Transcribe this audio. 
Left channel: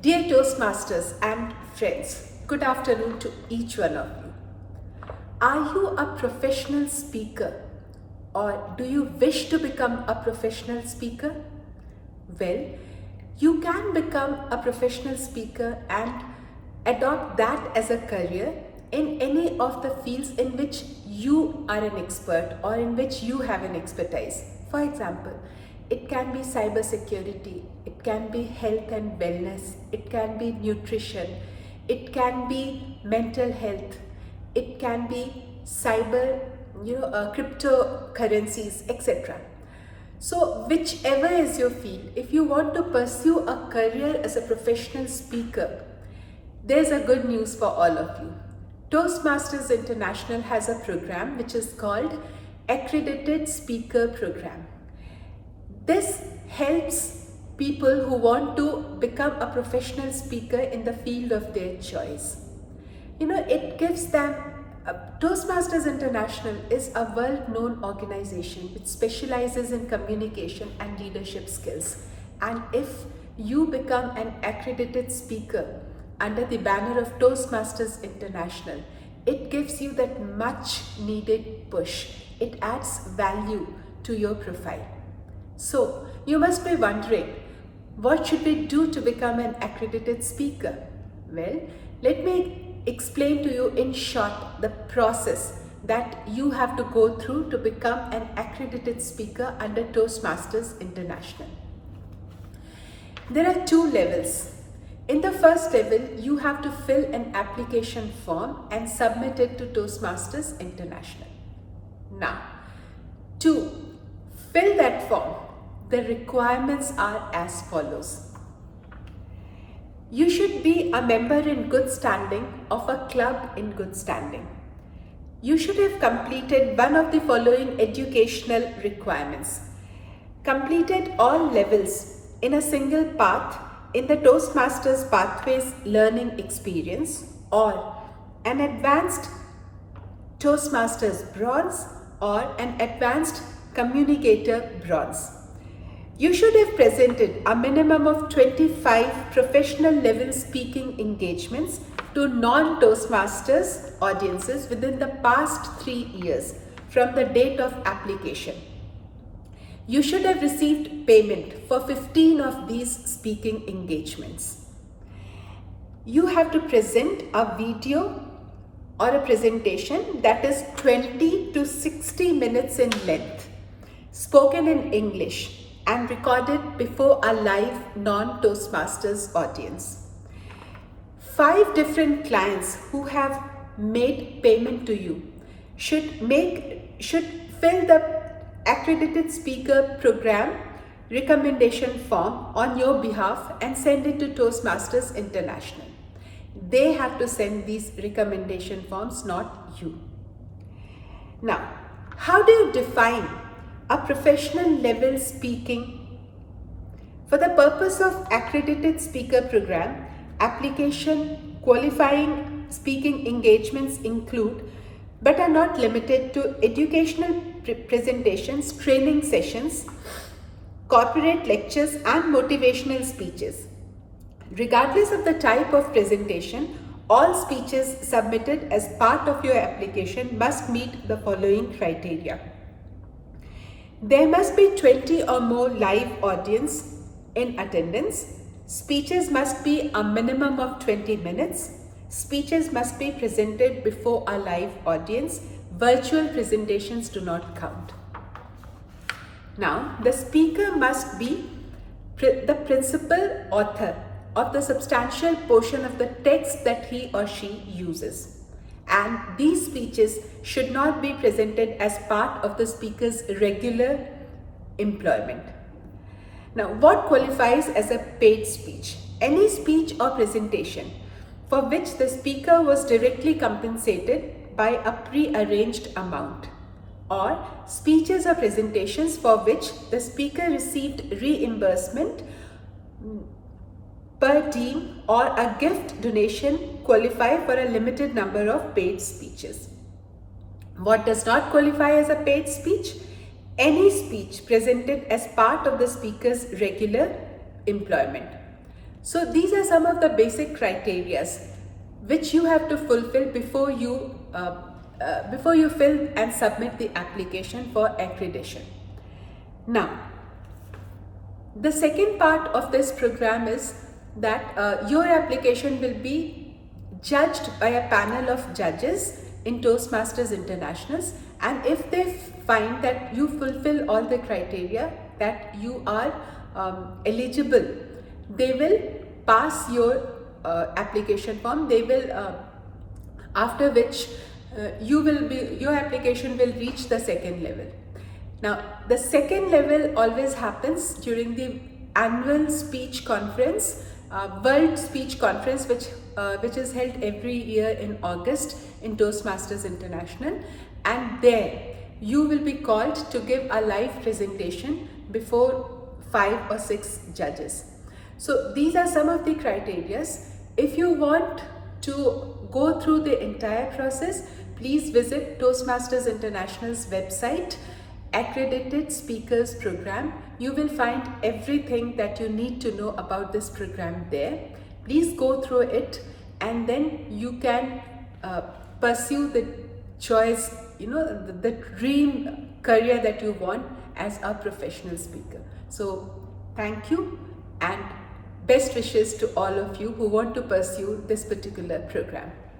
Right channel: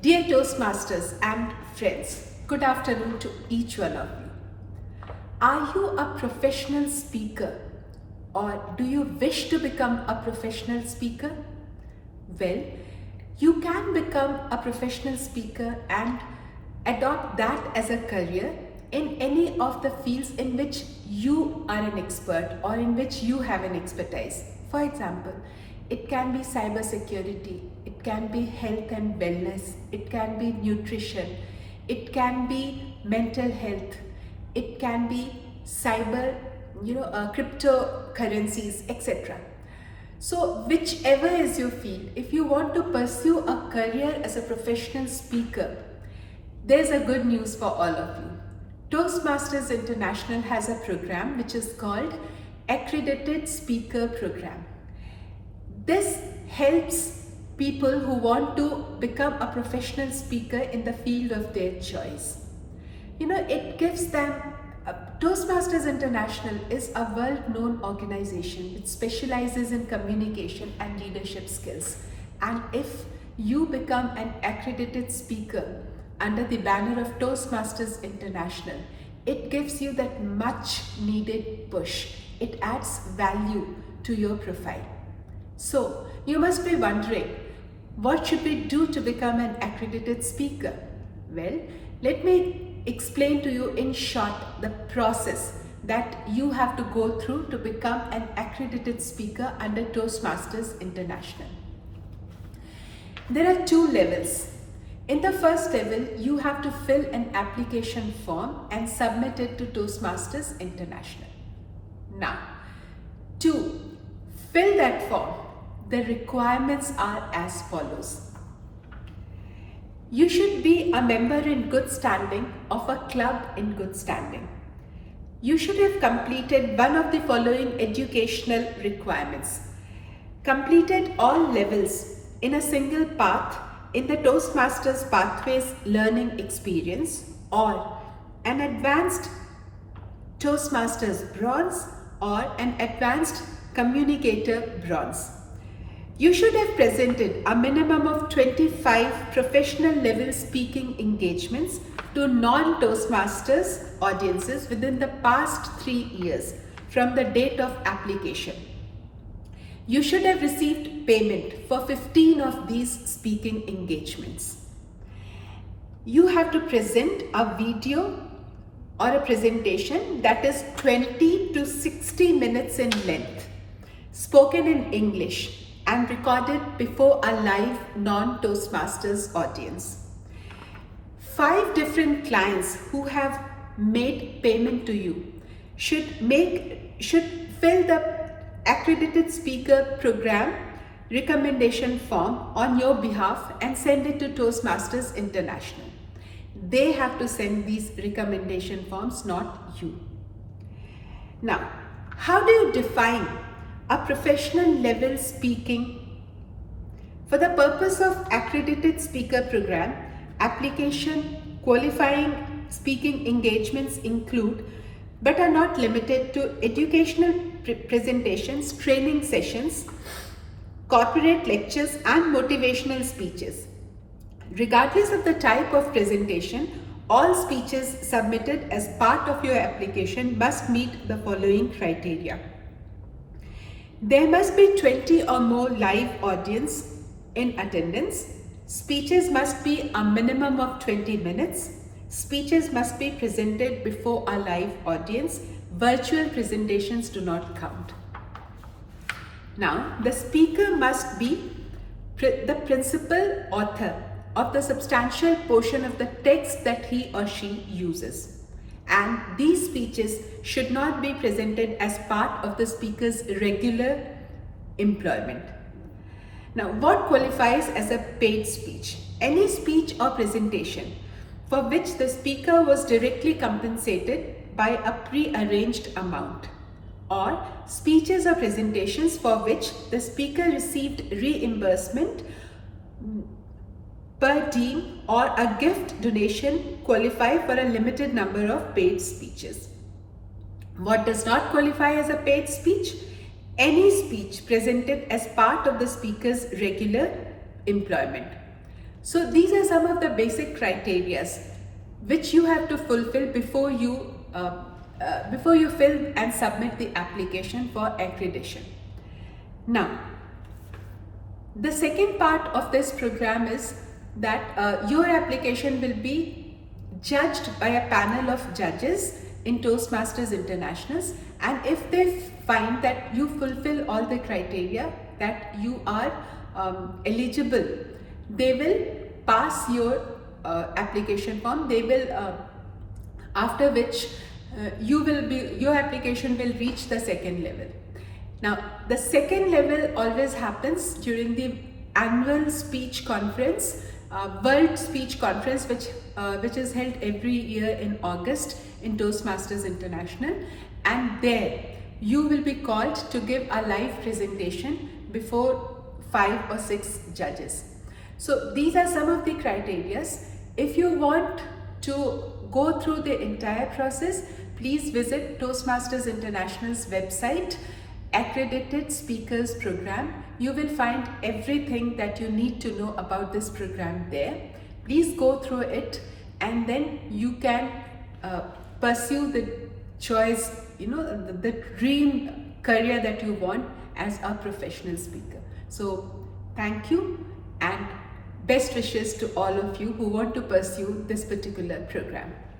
Dear Toastmasters and friends, good afternoon to each one of you. Are you a professional speaker or do you wish to become a professional speaker? Well, you can become a professional speaker and adopt that as a career in any of the fields in which you are an expert or in which you have an expertise. For example, it can be cybersecurity, it can be health and wellness, it can be nutrition, it can be mental health, it can be cyber, cryptocurrencies, etc. So, whichever is your field, if you want to pursue a career as a professional speaker, there's a good news for all of you. Toastmasters International has a program which is called Accredited Speaker Program. This helps people who want to become a professional speaker in the field of their choice. It gives them Toastmasters International is a world-known organization which specializes in communication and leadership skills. And if you become an accredited speaker under the banner of Toastmasters International, it gives you that much needed push. It adds value to your profile. So, you must be wondering, what should we do to become an accredited speaker? Well, let me explain to you in short the process that you have to go through to become an accredited speaker under Toastmasters International. There are two levels. In the first level, you have to fill an application form and submit it to Toastmasters International. Now, to fill that form, the requirements are as follows. You should be a member in good standing of a club in good standing. You should have completed one of the following educational requirements. Completed all levels in a single path in the Toastmasters Pathways learning experience, or an advanced Toastmasters bronze or an advanced communicator bronze. You should have presented a minimum of 25 professional level speaking engagements to non-Toastmasters audiences within the past 3 years from the date of application. You should have received payment for 15 of these speaking engagements. You have to present a video or a presentation that is 20 to 60 minutes in length, spoken in English, and recorded before a live non-Toastmasters audience. 5 different clients who have made payment to you should fill the accredited speaker program recommendation form on your behalf and send it to Toastmasters International. They have to send these recommendation forms, not you. Now, how do you define a professional level speaking? For the purpose of accredited speaker program, application qualifying speaking engagements include but are not limited to educational presentations, training sessions, corporate lectures, and motivational speeches. Regardless of the type of presentation, all speeches submitted as part of your application must meet the following criteria. There must be 20 or more live audience in attendance. Speeches must be a minimum of 20 minutes. Speeches must be presented before a live audience. Virtual presentations do not count. Now, the speaker must be the principal author of the substantial portion of the text that he or she uses. And these speeches should not be presented as part of the speaker's regular employment. Now, what qualifies as a paid speech? Any speech or presentation for which the speaker was directly compensated by a pre-arranged amount, or speeches or presentations for which the speaker received reimbursement per diem or a gift donation qualify for a limited number of paid speeches. What does not qualify as a paid speech? Any speech presented as part of the speaker's regular employment. So these are some of the basic criterias which you have to fulfill before you fill and submit the application for accreditation. Now, the second part of this program is that your application will be judged by a panel of judges in Toastmasters Internationals, and if they find that you fulfill all the criteria, that you are eligible, they will pass your application form. They will after which your application will reach the second level. Now, the second level always happens during the annual speech conference, World Speech Conference, which is held every year in August in Toastmasters International, and there you will be called to give a live presentation before 5 or 6 judges. So these are some of the criterias. If you want to go through the entire process, please visit Toastmasters International's website, Accredited Speakers Program. You will find everything that you need to know about this program there. Please go through it, and then you can pursue the choice, the dream career that you want as a professional speaker. So thank you, and best wishes to all of you who want to pursue this particular program.